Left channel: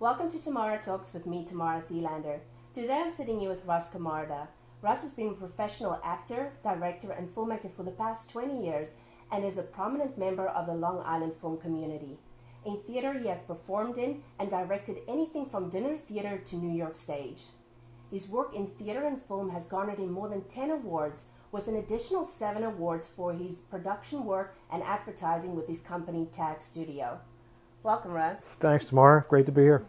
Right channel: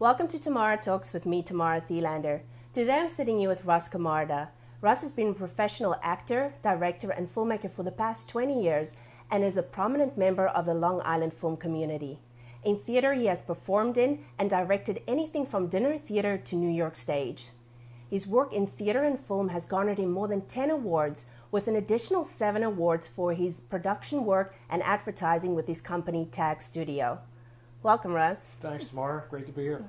Welcome to Tamara Talks with me, Tamara Thelander. Today I'm sitting here with Russ Camarda. Russ has been a professional actor, director, and filmmaker for the past 20 years and is a prominent member of the Long Island film community. In theater, he has performed in and directed anything from dinner theater to New York stage. His work in theater and film has garnered him more than 10 awards, with an additional 7 awards for his production work and advertising with his company, Tag Studio. Welcome, Russ. Thanks, Tamara. Great to be here.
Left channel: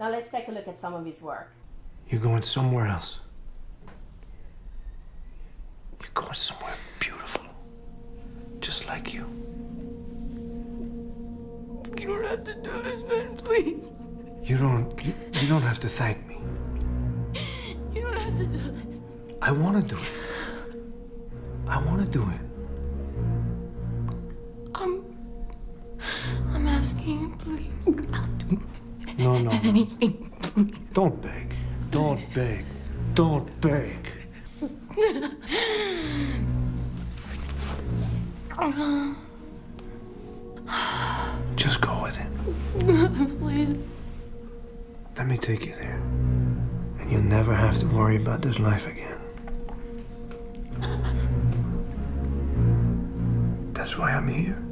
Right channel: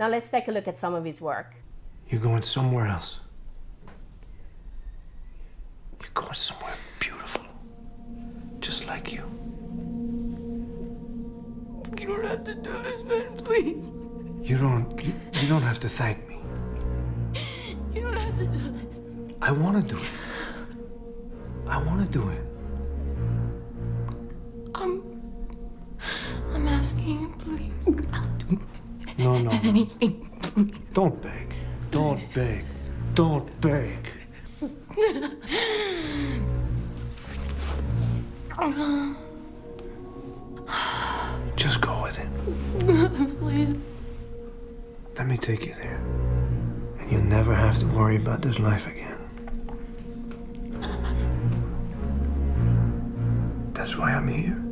Now let's take a look at some of his work. You're going somewhere else. You're going somewhere beautiful. Just like you. You don't have to do this, man, please. You don't have to thank me. You don't have to do this. I want to do it. I want to do it. I'm asking you, please. I'll do No. anything, please. Don't beg. Don't beg. Don't beg. Just go with it. Please. Let me take you there. And you'll never have to worry about this life again. That's why I'm here.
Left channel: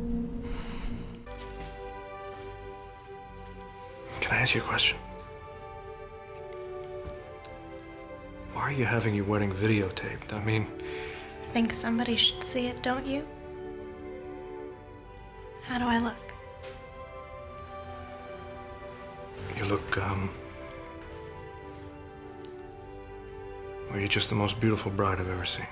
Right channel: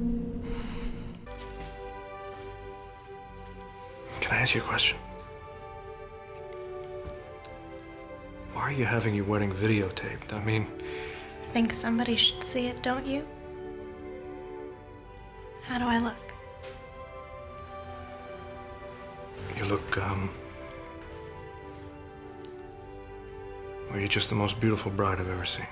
Can I ask you a question? Why are you having your wedding videotaped? I mean... I think somebody should see it, don't you? How do I look? You look, well, you're just the most beautiful bride I've ever seen.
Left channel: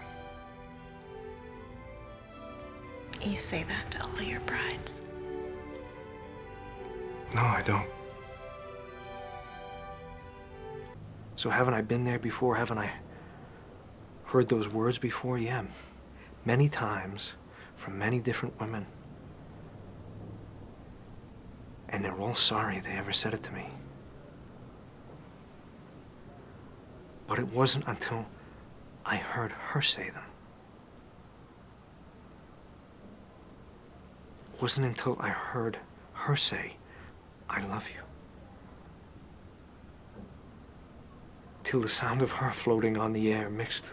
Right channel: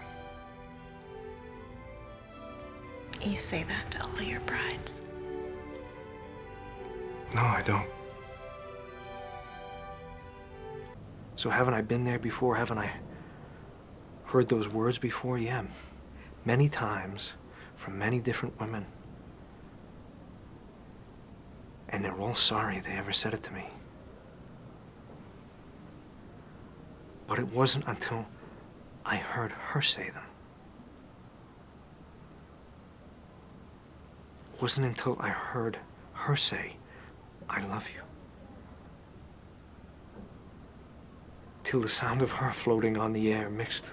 You say that to all your brides. No, I don't. So haven't I been there before? Haven't I heard those words before? Yeah, many times from many different women. And they're all sorry they ever said it to me. But it wasn't until I heard her say them. It wasn't until I heard her say, I love you. Till the sound of her floating on the air mixed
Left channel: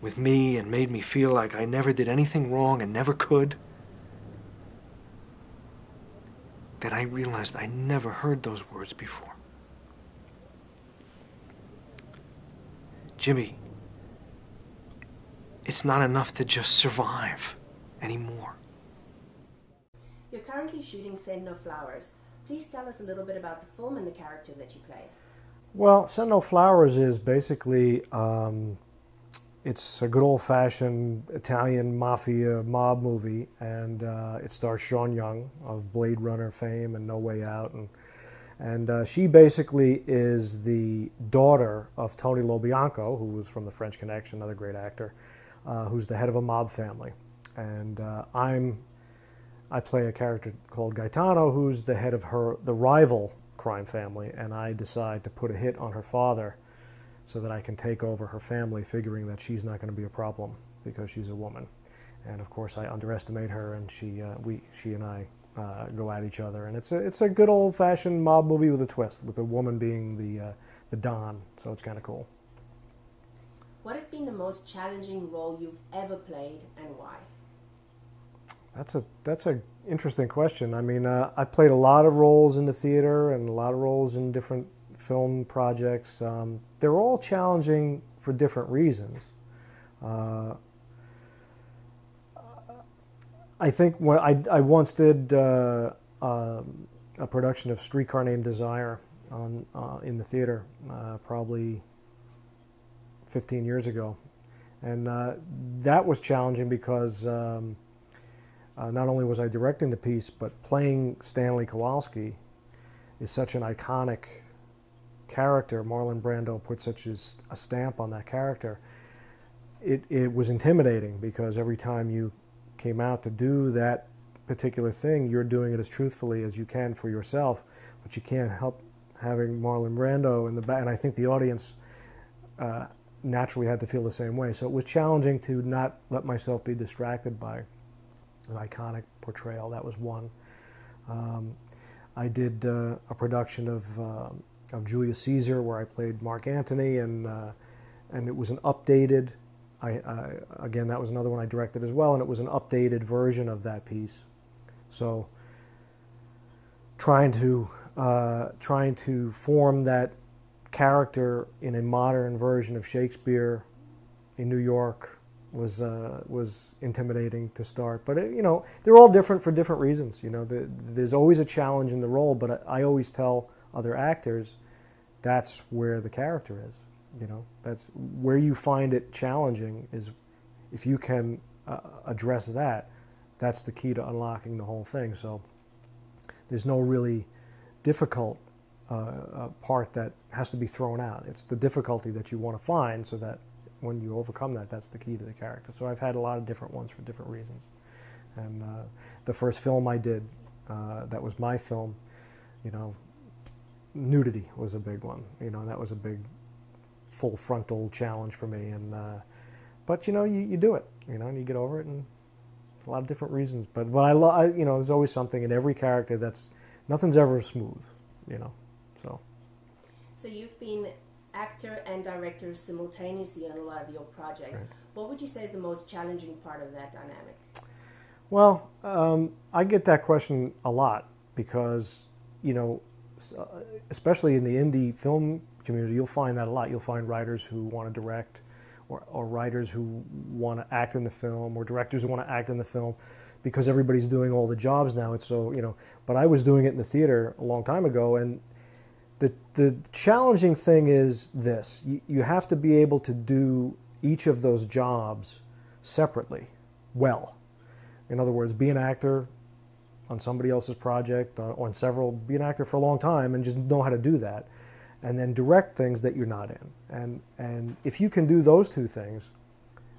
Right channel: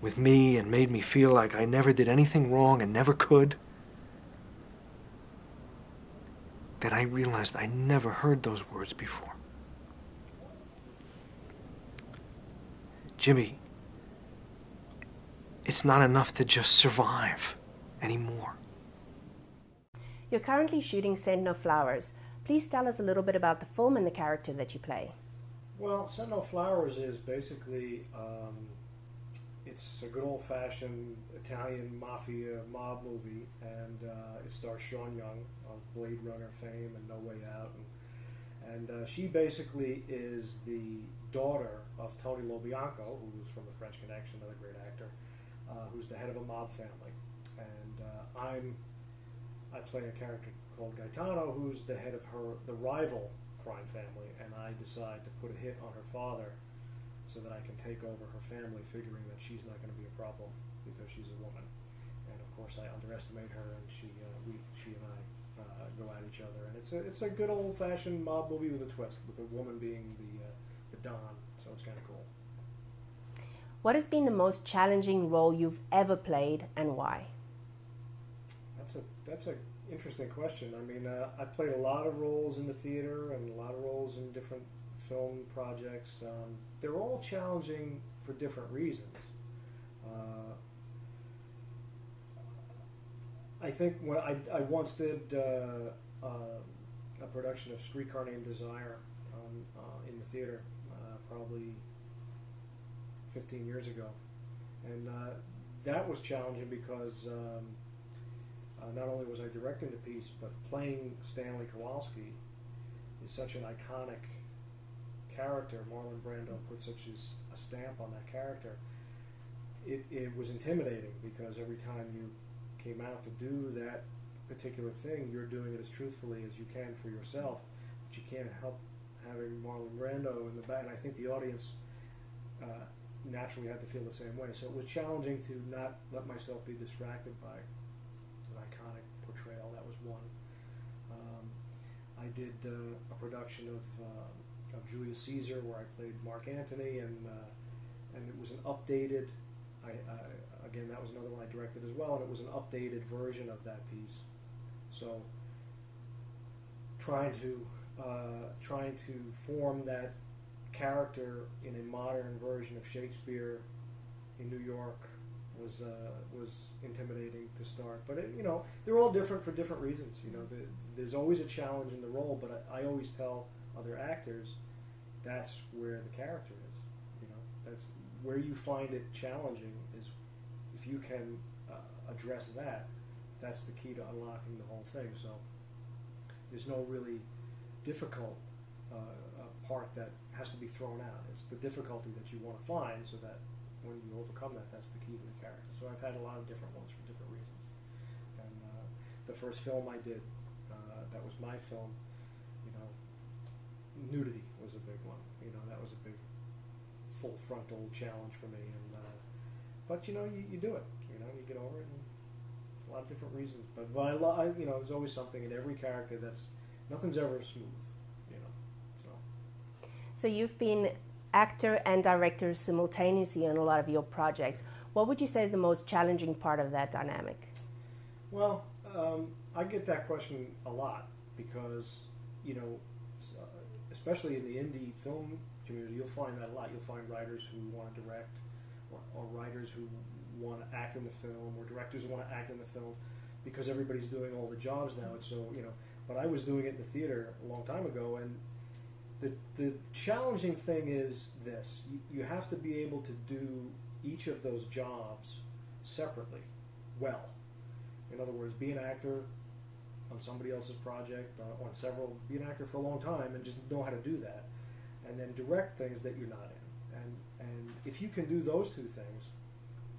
with me and made me feel like I never did anything wrong and never could. That I realized I never heard those words before. Jimmy, it's not enough to just survive anymore. You're currently shooting Send No Flowers. Please tell us a little bit about the film and the character that you play. Well, Send No Flowers is basically, it's a good old-fashioned Italian mafia mob movie, and it stars Sean Young of Blade Runner fame and No Way Out, and she basically is the daughter of Tony LoBianco, who was from The French Connection, another great actor, who's the head of a mob family, and I play a character called Gaetano, who's the head of the rival crime family, and I decide to put a hit on her father so that I can take over her family, figuring that she's not going to be a problem because she's a woman. And of course I underestimate her, and she and I go at each other, and it's a good old-fashioned mob movie with a twist, with a woman being the Don, so it's kind of cool. What has been the most challenging role you've ever played, and why? That's a interesting question. I mean, I played a lot of roles in the theater and a lot of roles in different film projects. They're all challenging for different reasons. I think when I once did a production of Streetcar Named Desire in the theater, probably 15 years ago, and that was challenging because not only was I directing the piece, but playing Stanley Kowalski is such an iconic character. Marlon Brando put such a stamp on that character. It was intimidating because every time you came out to do that particular thing, you're doing it as truthfully as you can for yourself, but you can't help having Marlon Brando in the back, and I think the audience naturally had to feel the same way. So it was challenging to not let myself be distracted by an iconic portrayal. That was one. I did a production of Julius Caesar where I played Mark Antony, and it was an updated. Again, that was another one I directed as well, and it was an updated version of that piece. So trying to form that character in a modern version of Shakespeare in New York was intimidating to start. But they're all different for different reasons. There's always a challenge in the role, but I always tell other actors that's where the character is. That's where you find it challenging, is if you can address that, that's the key to unlocking the whole thing. So there's no really difficult part that has to be thrown out. It's the difficulty that you want to find, so that when you overcome that, that's the key to the character. So I've had a lot of different ones for different reasons. And the first film I did, that was my film, nudity was a big one. That was a big full frontal challenge for me. And but you do it, and you get over it, and a lot of different reasons. But I love, there's always something in every character nothing's ever smooth, So you've been actor and director simultaneously in a lot of your projects. Right. What would you say is the most challenging part of that dynamic? Well, I get that question a lot because, especially in the indie film community, you'll find that a lot. You'll find writers who want to direct, or writers who want to act in the film, or directors who want to act in the film, because everybody's doing all the jobs now. It's so, but I was doing it in the theater a long time ago, and the challenging thing is this. You have to be able to do each of those jobs separately well. In other words, be an actor on somebody else's project, on several, be an actor for a long time and just know how to do that, and then direct things that you're not in. And if you can do those two things,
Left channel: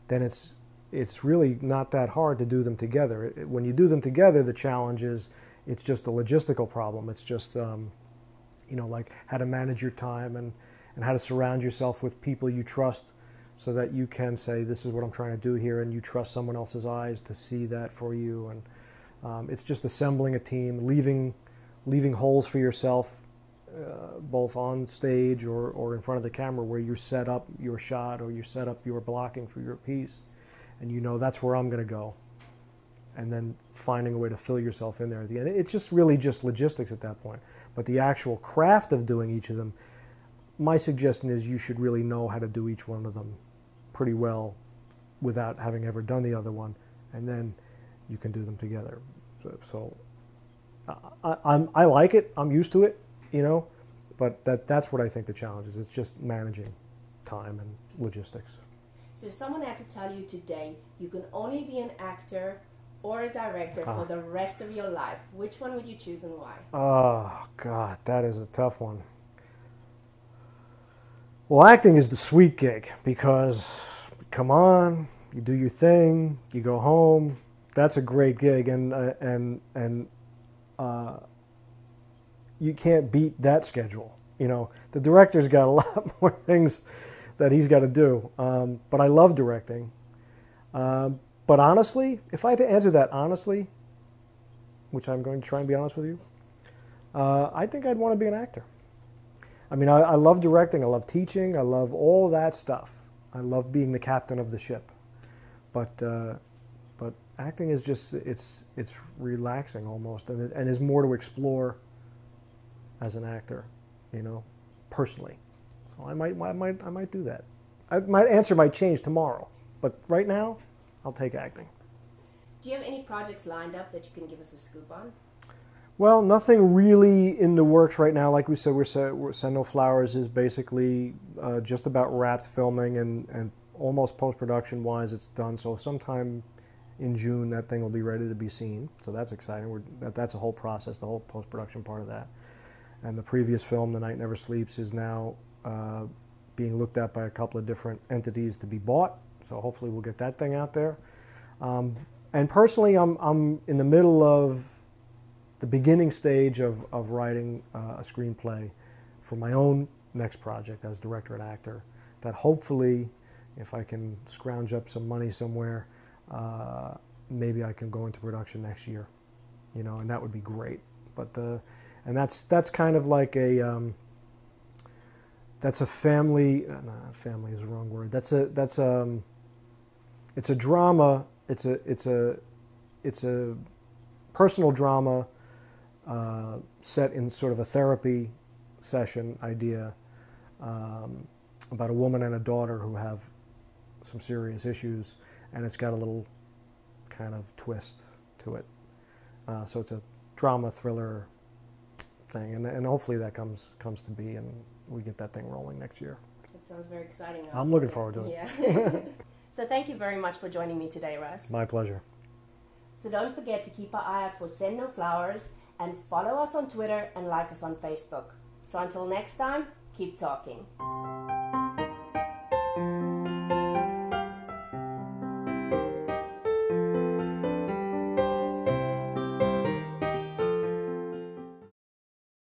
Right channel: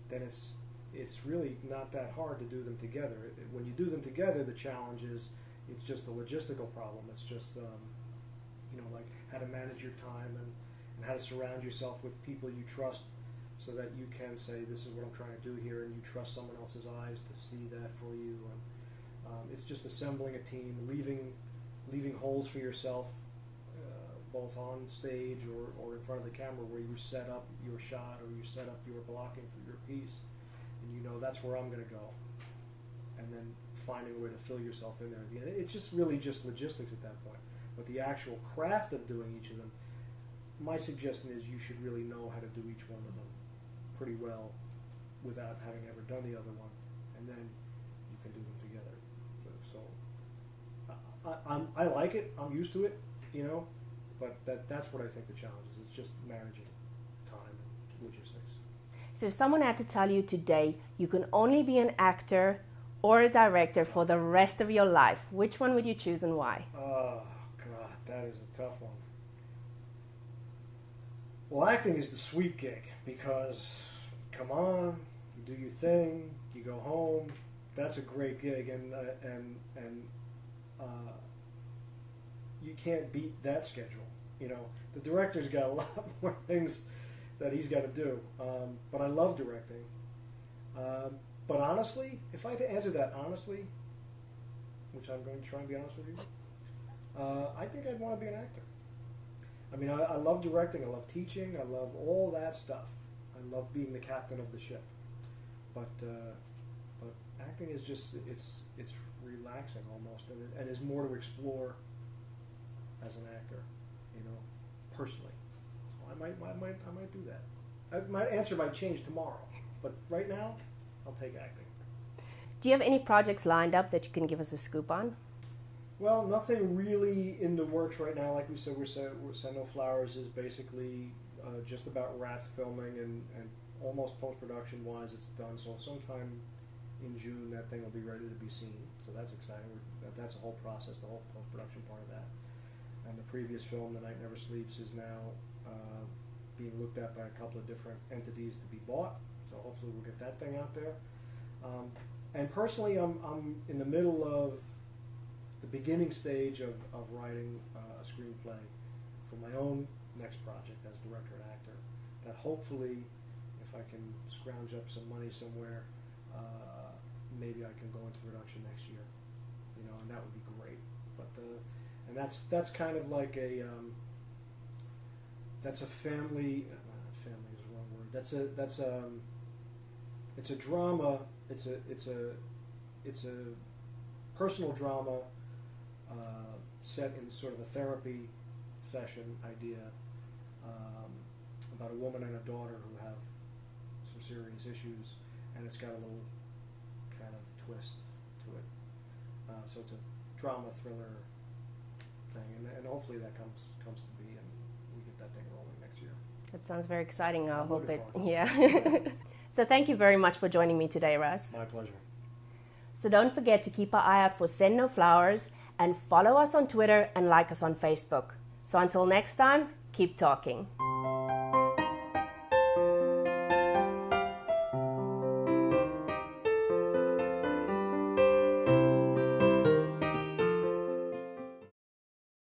then it's really not that hard to do them together. When you do them together, the challenge is it's just a logistical problem. It's just like how to manage your time and how to surround yourself with people you trust, so that you can say, this is what I'm trying to do here, and you trust someone else's eyes to see that for you. And it's just assembling a team, leaving holes for yourself, both on stage or in front of the camera, where you set up your shot or you set up your blocking for your piece, and that's where I'm going to go, and then finding a way to fill yourself in there at the end. It's just really just logistics at that point. But the actual craft of doing each of them, my suggestion is you should really know how to do each one of them pretty well without having ever done the other one, and then you can do them together. So I like it. I'm used to it, but that's what I think the challenge is. It's just managing time and logistics. So if someone had to tell you today you can only be an actor or a director for the rest of your life, which one would you choose and why? Oh, God, that is a tough one. Well, acting is the sweet gig because, come on, you do your thing, you go home. That's a great gig, and you can't beat that schedule. The director's got a lot more things that he's got to do. But I love directing. But honestly, if I had to answer that honestly, which I'm going to try and be honest with you, I think I'd want to be an actor. I mean, I love directing, I love teaching, I love all that stuff. I love being the captain of the ship. But acting is just, it's relaxing almost, and there's more to explore as an actor, personally. So I might do that. My answer might change tomorrow, but right now, I'll take acting. Do you have any projects lined up that you can give us a scoop on? Well, nothing really in the works right now. Like we said, Send No Flowers is basically just about wrapped filming and almost post-production wise it's done. So sometime in June that thing will be ready to be seen. So that's exciting. That's a whole process, the whole post-production part of that. And the previous film, The Night Never Sleeps, is now being looked at by a couple of different entities to be bought. So hopefully we'll get that thing out there. And personally, I'm in the middle of the beginning stage of writing a screenplay for my own next project as director and actor, that hopefully, if I can scrounge up some money somewhere, maybe I can go into production next year, and that would be great. But And that's kind of like a that's a family. Family is the wrong word. It's a drama. It's a personal drama set in sort of a therapy session idea about a woman and a daughter who have some serious issues, and it's got a little kind of twist to it. So it's a drama thriller thing, and hopefully that comes to be, and we get that thing rolling next year. It sounds very exciting. I'm looking forward to it. Yeah. So thank you very much for joining me today, Russ. My pleasure. So don't forget to keep an eye out for Send No Flowers, and follow us on Twitter and like us on Facebook. So until next time, keep talking.